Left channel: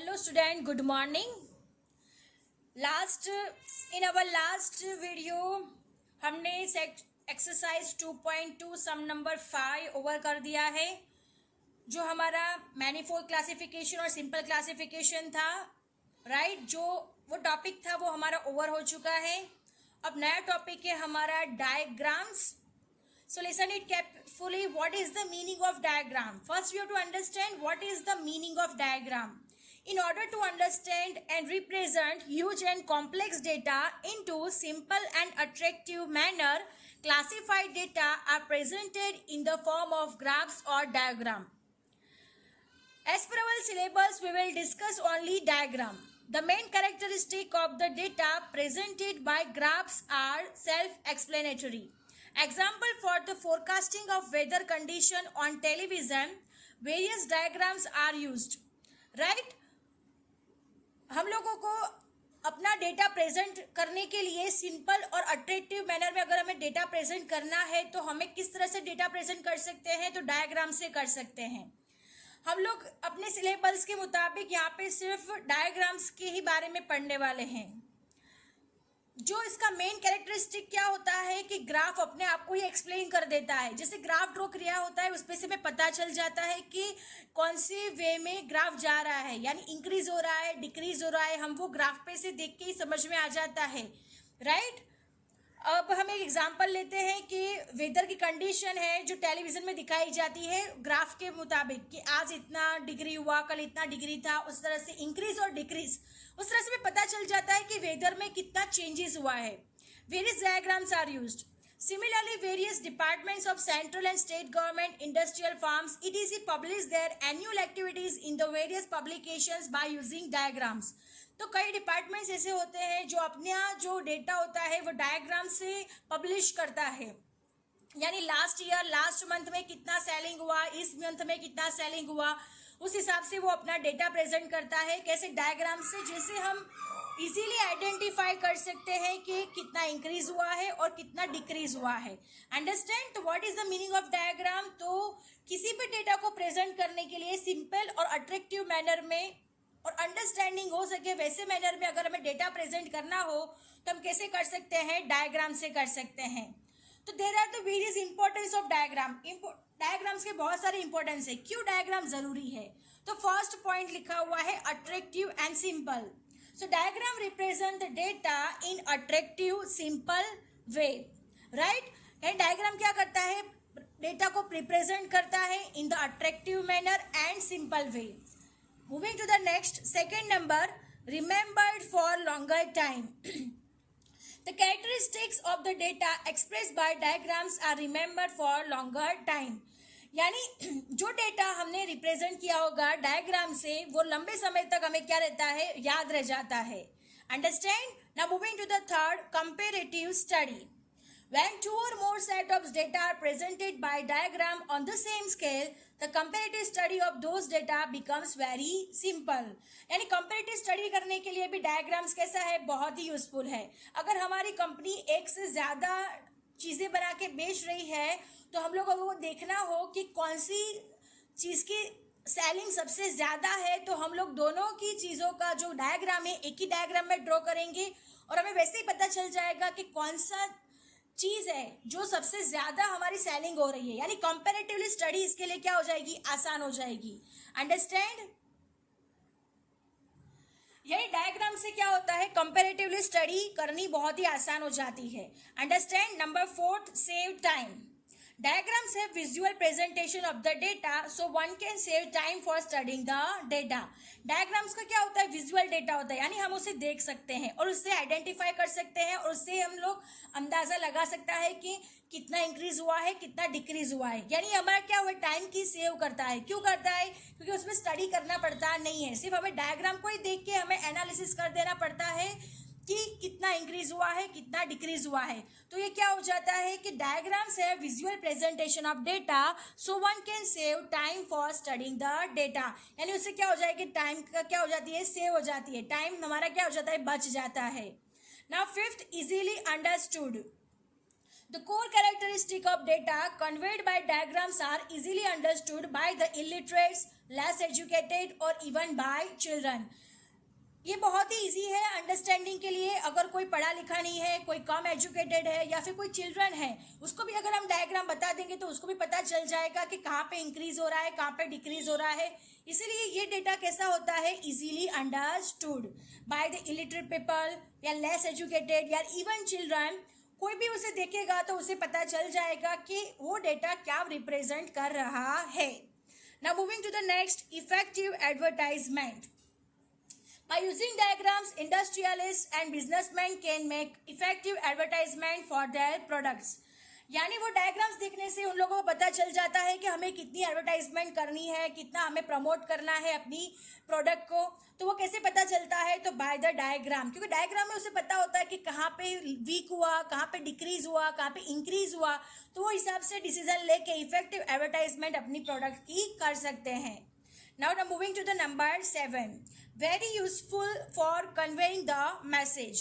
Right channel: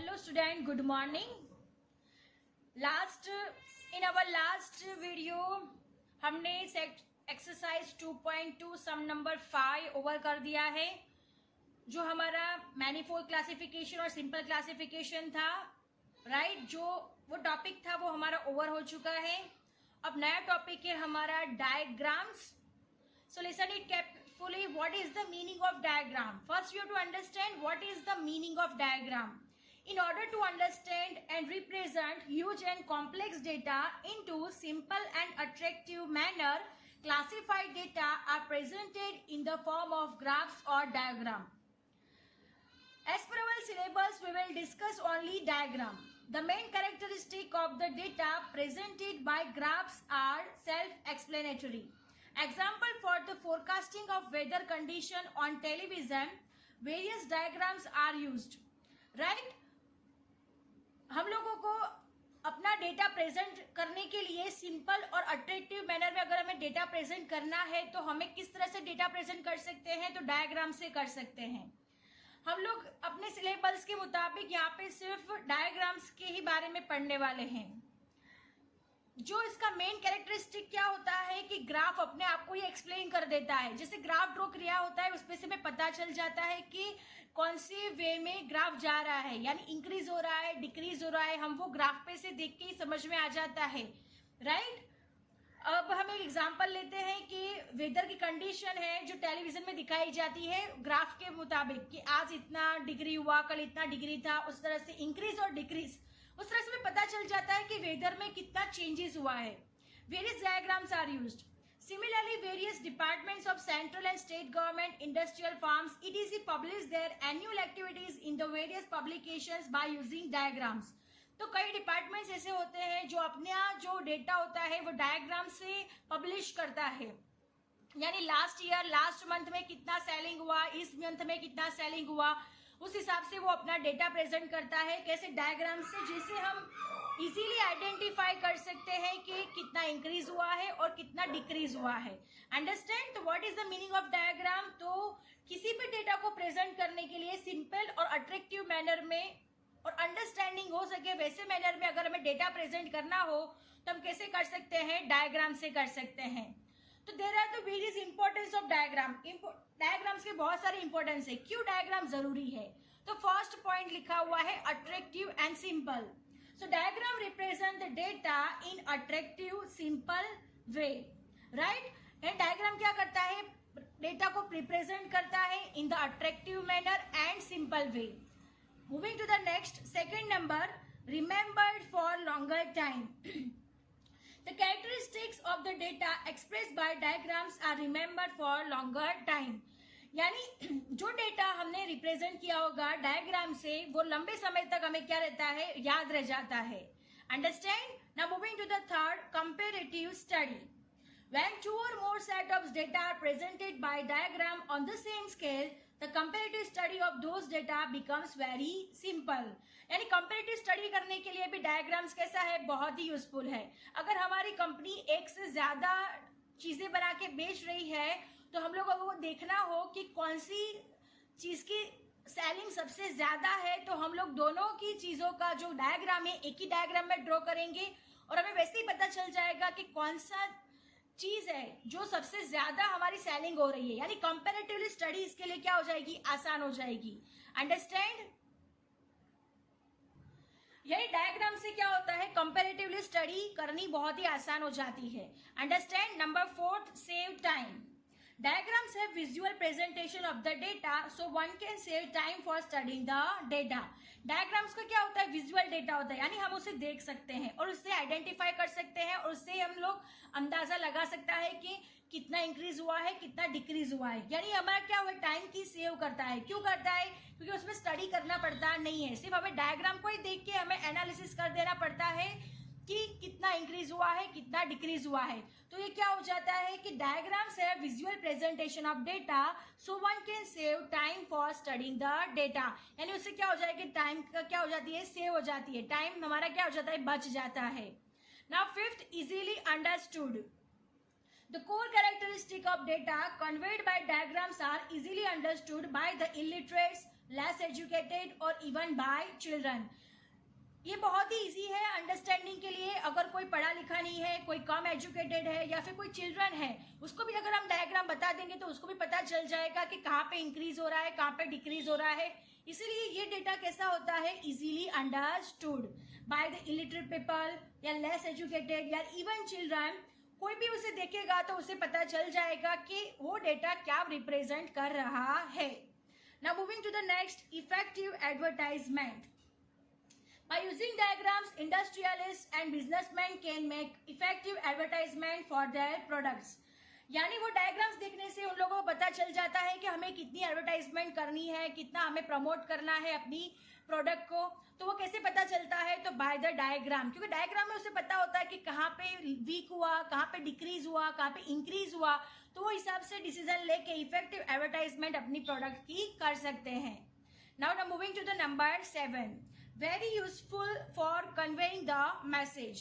Hello student, good morning. In our last video हमने exercise 2.2 सम number 5 over कर दिया है. जो हमारा मैनीफोल्ड क्लासिफिकेशन और सिंपल क्लासिफिकेशन था, राइट, जो वो टॉपिक था वो हमारा ओवर हो चुका है. अब नया टॉपिक है हमारा diagrams. So listen it carefully. What is the meaning of diagram? First, you have to understand what is the meaning of diagram. In order to understand and represent huge and complex data into simple and attractive manner, classified data are presented in the form of graphs or diagram. As per our syllabus, we will discuss only diagram. The main characteristic of the data presented by graphs are self-explanatory. Example for the forecasting of weather condition on television, various diagrams are used. Right? हम लोगों को अपना data present करने के लिए simple और attractive manner में अगर हमें डेटा प्रेजेंट करना है तो हमें किस तरह से डेटा प्रेजेंट कर सकते हैं, तो डायग्राम से कर सकते हैं. हम लोग अपने सिलेबस के मुताबिक यहाँ पे सिर्फ डायग्राम्स के ही बारे में पढ़ने वाले हैं. जो इसका मेन कैरेक्टरिस्टिक क्या होता है कि ग्राफ अपने आप को ही एक्सप्लेन कर देता है. जैसे ग्राफ ड्रॉ किया होता है उसमें से हमें पता चल जाता है कि कौन सी वे में ग्राफ जा रहा है, यानी इंक्रीज हो रहा है, डिक्रीज हो रहा है, हम वो ग्राफ पे से देख के ही समझ में आ जाता है. राइट. अब हम एक एग्जांपल लेते हैं कि वेदर की कंडीशन है जो टेलीविजन में दिखाई जाती है ग्राफ के मुताबिक कि आज इतना डिग्री हुआ, कल इतना डिग्री था, उस तरह से इंक्रीज और डिक्रीज उस तरह से पता चल जाता है कि वेदर में कितना चेंजेस हुआ है. Various diagrams are used. Similarly, various departments of central and state government, industrial farms, etc. publish their annual activities in the various publications by using diagrams. तो कई डिपार्टमेंट्स ऐसे होते हैं जो अपना जो डेटा होता है वो डायग्राम से पब्लिश करता है. यानी लास्ट ईयर लास्ट मंथ में कितना सेलिंग हुआ, इस मंथ में कितना सेलिंग हुआ, उस हिसाब से वो अपना डेटा प्रेजेंट करता है. कैसे? डायग्राम से, जिससे हम इजीली आइडेंटिफाई कर सकते हैं कि कितना इंक्रीज हुआ है और कितना डिक्रीज हुआ है. Understand what is the meaning of diagram. तो किसी भी डेटा को प्रेजेंट करने के लिए सिंपल और अट्रैक्टिव मैनर में और अंडरस्टैंडिंग हो सके वैसे मैनर में अगर हमें डेटा प्रेजेंट करना हो तो हम कैसे कर सकते हैं? डायग्राम से कर सकते हैं. तो there are the various importance of diagram. Diagrams के बहुत सारे इंपॉर्टेंस है. क्यों डायग्राम जरूरी है? तो फर्स्ट पॉइंट लिखा हुआ है attractive and simple. So diagram represent the data in attractive simple way. Right. And diagram क्या करता है? डेटा को रिप्रेजेंट करता है in the attractive manner and simple way. Moving to the next, second number, remembered for longer time. The characteristics of the data expressed by diagrams are remembered for longer time. यानी जो data हमने represent किया होगा diagram से वो लंबे समय तक हमें क्या रहता है? याद रह जाता है. Understand. Now moving to the third, comparative study. When two or more set of data are presented by diagram on the same scale, the comparative study of those data becomes very simple. यानी comparative study करने के लिए भी diagrams कैसा है? बहुत ही useful है. अगर हमारी कंपनी एक से ज़्यादा चीज़ें बना के बेच रही है तो हम लोगों को देखना हो कि कौन सी चीज़ की सेलिंग सबसे ज़्यादा है, तो हम लोग दोनों की चीज़ों का जो डायग्राम है एक ही डायग्राम में ड्रॉ करेंगे और हमें वैसे ही पता चल जाएगा कि कौन सा चीज है जो सबसे ज्यादा हमारी सेलिंग हो रही है. यानी कंपैरेटिवली स्टडी इसके लिए क्या हो जाएगी? आसान हो जाएगी. अंडरस्टैंड. यही डायग्राम से क्या होता है? कंपैरेटिवली स्टडी करनी बहुत ही आसान हो जाती है. Understand. Number fourth, save time. Diagrams have visual presentation of the data, so one can save time for studying the data. Diagrams का क्या होता है? विजुअल डेटा होता है, यानी हम उसे देख सकते हैं और उससे आइडेंटिफाई कर सकते हैं और उससे हम लोग अंदाजा लगा सकता है कि कितना इंक्रीज हुआ है, कितना डिक्रीज हुआ है. यानी हमारा क्या हुआ? टाइम की सेव करता है. क्यों करता है? क्योंकि उसमें स्टडी करना पड़ता नहीं है, सिर्फ हमें डायग्राम को ही देख के हमें एनालिसिस कर देना पड़ता है कि कितना इंक्रीज हुआ है, कितना डिक्रीज हुआ है. तो ये क्या हो जाता है कि डायग्राम्स है visual presentation of data, so one can save time for studying the data. यानी उससे क्या हो जाएगी? टाइम का क्या हो जाती है? सेव हो जाती है. टाइम हमारा क्या हो जाता है? बच जाता है. Now fifth, easily understood. The core characteristic characteristic of data conveyed by diagrams are easily understood by the illiterates, less educated or even by children. ये बहुत ही इजी है अंडरस्टैंडिंग के लिए. अगर कोई पढ़ा लिखा नहीं है, कोई कम एजुकेटेड है या फिर कोई चिल्ड्रन है, उसको भी अगर हम डायग्राम बता देंगे तो उसको भी पता चल जाएगा कि कहाँ पे इंक्रीज हो रहा है, कहाँ पे डिक्रीज हो रहा है. इसीलिए ये डेटा कैसा होता है, easily understood by the illiterate people या लेस एजुकेटेड या इवन चिल्ड्रन. कोई भी उसे देखेगा तो उसे पता चल जाएगा कि वो डेटा क्या रिप्रेजेंट कर रहा है. Now moving to the next, effective advertisement. By using diagrams, industrialists and businessmen can make effective advertisement for their products. यानी वो डायग्राम्स देखने से उन लोगों को पता चल जाता है कि हमें कितनी एडवर्टाइजमेंट करनी है, कितना हमें प्रमोट करना है अपनी प्रोडक्ट को. तो वो कैसे पता चलता है, तो बाय द डायग्राम. क्योंकि डायग्राम में उसे पता होता है कि कहाँ पे वीक हुआ, कहाँ पे डिक्रीज हुआ, कहाँ पे इंक्रीज हुआ. तो वो हिसाब से डिसीजन लेके इफेक्टिव एडवर्टाइजमेंट अपनी प्रोडक्ट की कर सकते हैं. Now moving to the number 7. Very useful for conveying the message.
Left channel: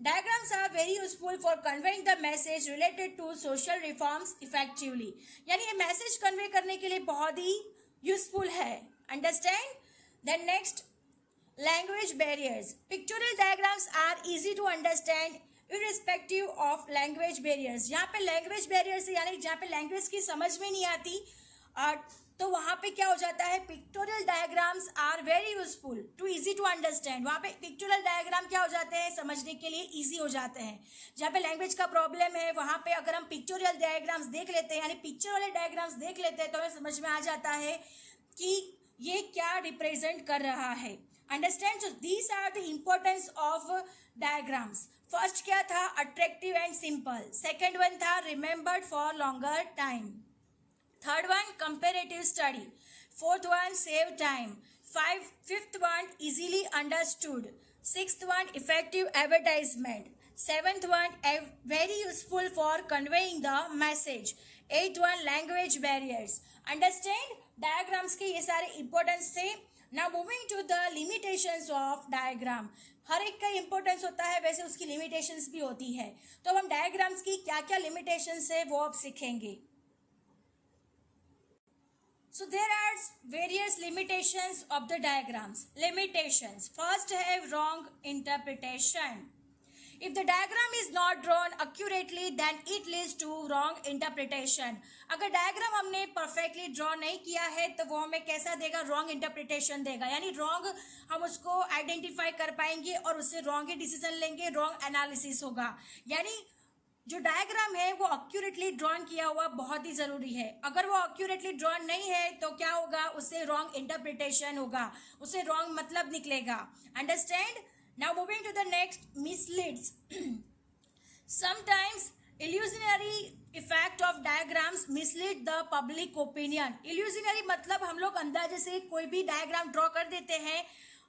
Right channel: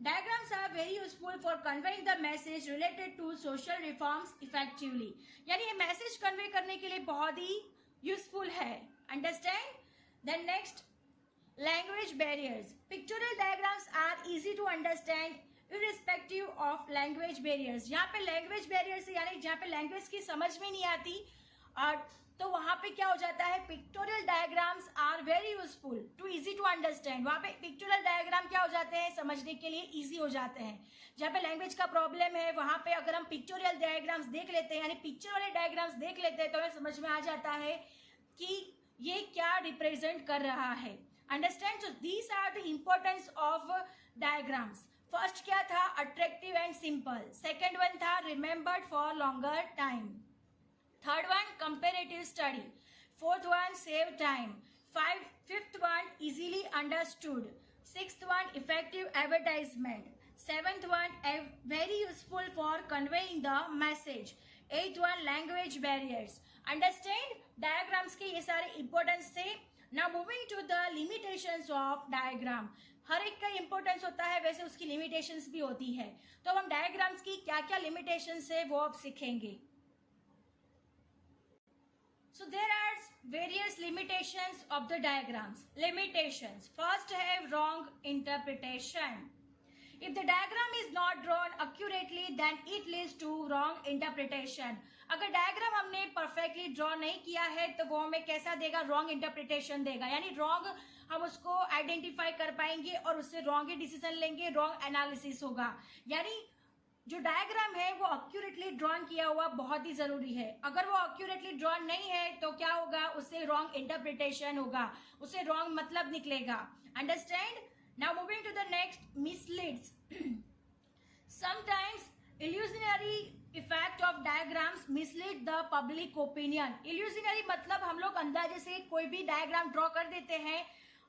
Diagrams are very useful for conveying the message related to social reforms effectively. यानी ये मैसेज कन्वे करने के लिए बहुत ही यूजफुल है. Understand. Then next, language barriers. Pictorial diagrams are easy to understand irrespective of language barriers. यहाँ पे language barriers से यानी जहाँ पे language की समझ में नहीं आती और तो वहाँ पे क्या हो जाता है, pictorial diagrams are very useful to easy to understand. वहाँ पे पिक्टोरियल डायग्राम क्या हो जाते हैं, समझने के लिए इजी हो जाते हैं. जहाँ पे लैंग्वेज का प्रॉब्लम है वहाँ पे अगर हम पिक्टोरियल डायग्राम्स देख लेते हैं, यानी पिक्चर वाले डायग्राम्स देख लेते हैं, तो हमें समझ में आ जाता है कि ये क्या रिप्रेजेंट कर रहा है. Understand. So these are the importance of diagrams. First क्या था, attractive and simple. Second one था remembered for longer time. Third one, comparative study. Fourth one, save time. Fifth one, easily understood. Sixth one, effective advertisement. Seventh one, very useful for conveying the message. Eighth one, language barriers. Understand? Diagrams के ये सारे importance थे. Now moving to the limitations of diagram. हर एक का importance होता है, वैसे उसकी limitations भी होती है. तो हम डायग्राम्स की क्या क्या limitations है वो अब सीखेंगे. So there are various limitations of the diagrams. Limitations. First है wrong interpretation. If the diagram is not drawn accurately, then it leads to wrong interpretation. अगर डायग्राम हमने परफेक्टली ड्रॉ नहीं किया है तो वो हमें कैसा देगा, रॉन्ग इंटरप्रिटेशन देगा. यानी रॉन्ग हम उसको आइडेंटिफाई कर पाएंगे और उससे रॉन्ग ही डिसीजन लेंगे, रॉन्ग एनालिसिस होगा. यानी जो डायग्राम है वो एक्यूरेटली ड्रॉन किया हुआ बहुत ही जरूरी है. अगर वो एक्यूरेटली ड्रॉन नहीं है तो क्या होगा, उससे रॉन्ग इंटरप्रिटेशन होगा, उससे रॉन्ग मतलब निकलेगा. Understand. Now moving to the next, misleads. Sometimes illusionary effect of diagrams mislead the public opinion. Illusionary मतलब हम लोग अंदाजे से कोई भी डायग्राम ड्रॉ कर देते हैं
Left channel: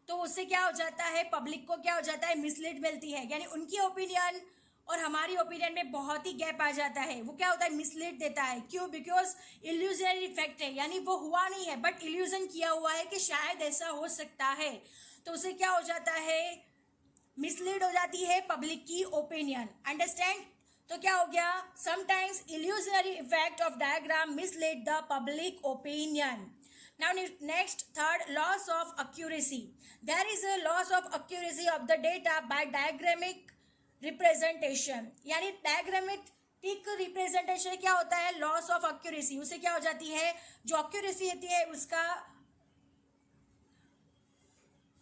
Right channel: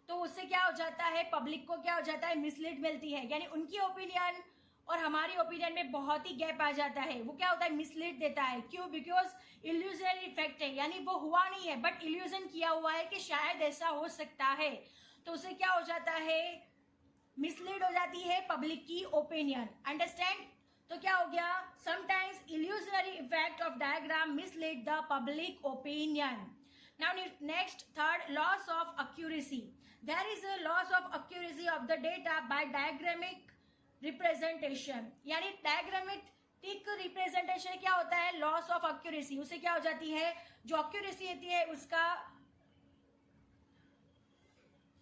तो उससे क्या हो जाता है, पब्लिक को क्या हो जाता है, मिसलीड मिलती है. यानी उनकी ओपिनियन और हमारी ओपिनियन में बहुत ही गैप आ जाता है. वो क्या होता है, मिसलीड देता है. क्यों, बिकॉज इल्यूजनरी इफेक्ट है. यानी वो हुआ नहीं है बट इल्यूजन किया हुआ है कि शायद ऐसा हो सकता है. तो उसे क्या हो जाता है, मिसलीड हो जाती है पब्लिक की ओपिनियन. अंडरस्टैंड. तो क्या हो गया, sometimes illusionary effect of diagram mislead the public opinion. Now next, third, loss of accuracy. There is a loss of accuracy of the data by diagrammatic representation. यानी diagrammatic representation क्या होता है, loss of accuracy. उसे क्या हो जाती है, जो एक्यूरेसी होती है उसका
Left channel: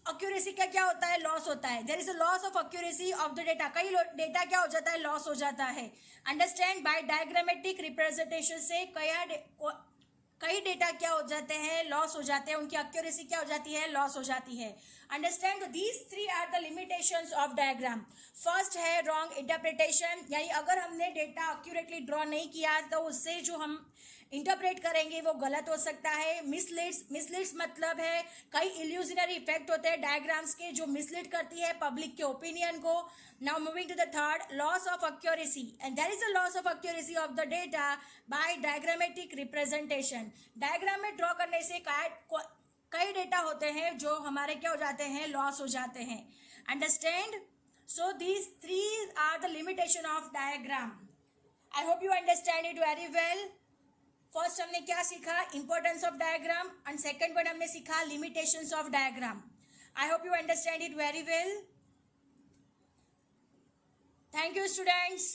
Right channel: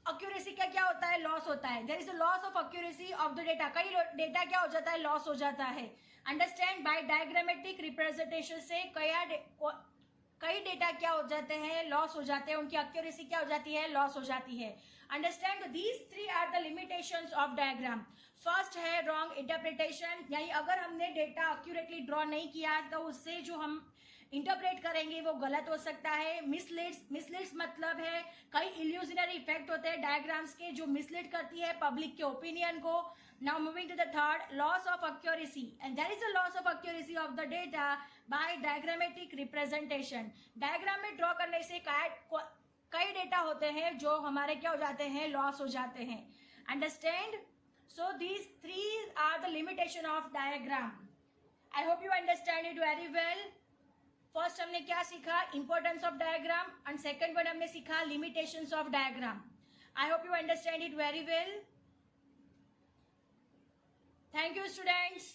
एक्यूरेसी का क्या होता है, लॉस होता है. There is a loss of accuracy of the data. कई डेटा क्या हो जाता है, लॉस हो जाता है. अंडरस्टैंड. बाय डायग्रामेटिक रिप्रेजेंटेशन से कई डेटा क्या हो जाते हैं, लॉस हो जाते हैं. उनकी एक्यूरेसी क्या हो जाती है, लॉस हो जाती है. Understand. These three are the limitations of diagram. First है रॉन्ग इंटरप्रिटेशन. यानी अगर हमने डेटा एक्यूरेटली ड्रॉ नहीं किया तो उससे जो हम इंटरप्रेट करेंगे वो गलत हो सकता है. मिसलीड्स मतलब है कई इल्यूजनरी इफेक्ट होते हैं डायग्राम्स के जो मिसलीड करती है पब्लिक के ओपिनियन को. Now moving to the third, loss of accuracy. And there is a loss of accuracy of the data by diagrammatic representation. Diagram में ड्रॉ करने से कई डेटा होते हैं जो हमारे क्या हो जाते हैं, लॉस हो जाते हैं. Understand. So these three are the limitation of diagram. I hope you understand it very well. First हमने क्या सीखा, importance of diagram, and second one हमने सीखा limitations of diagram. I hope you understand it very well. Thank you students.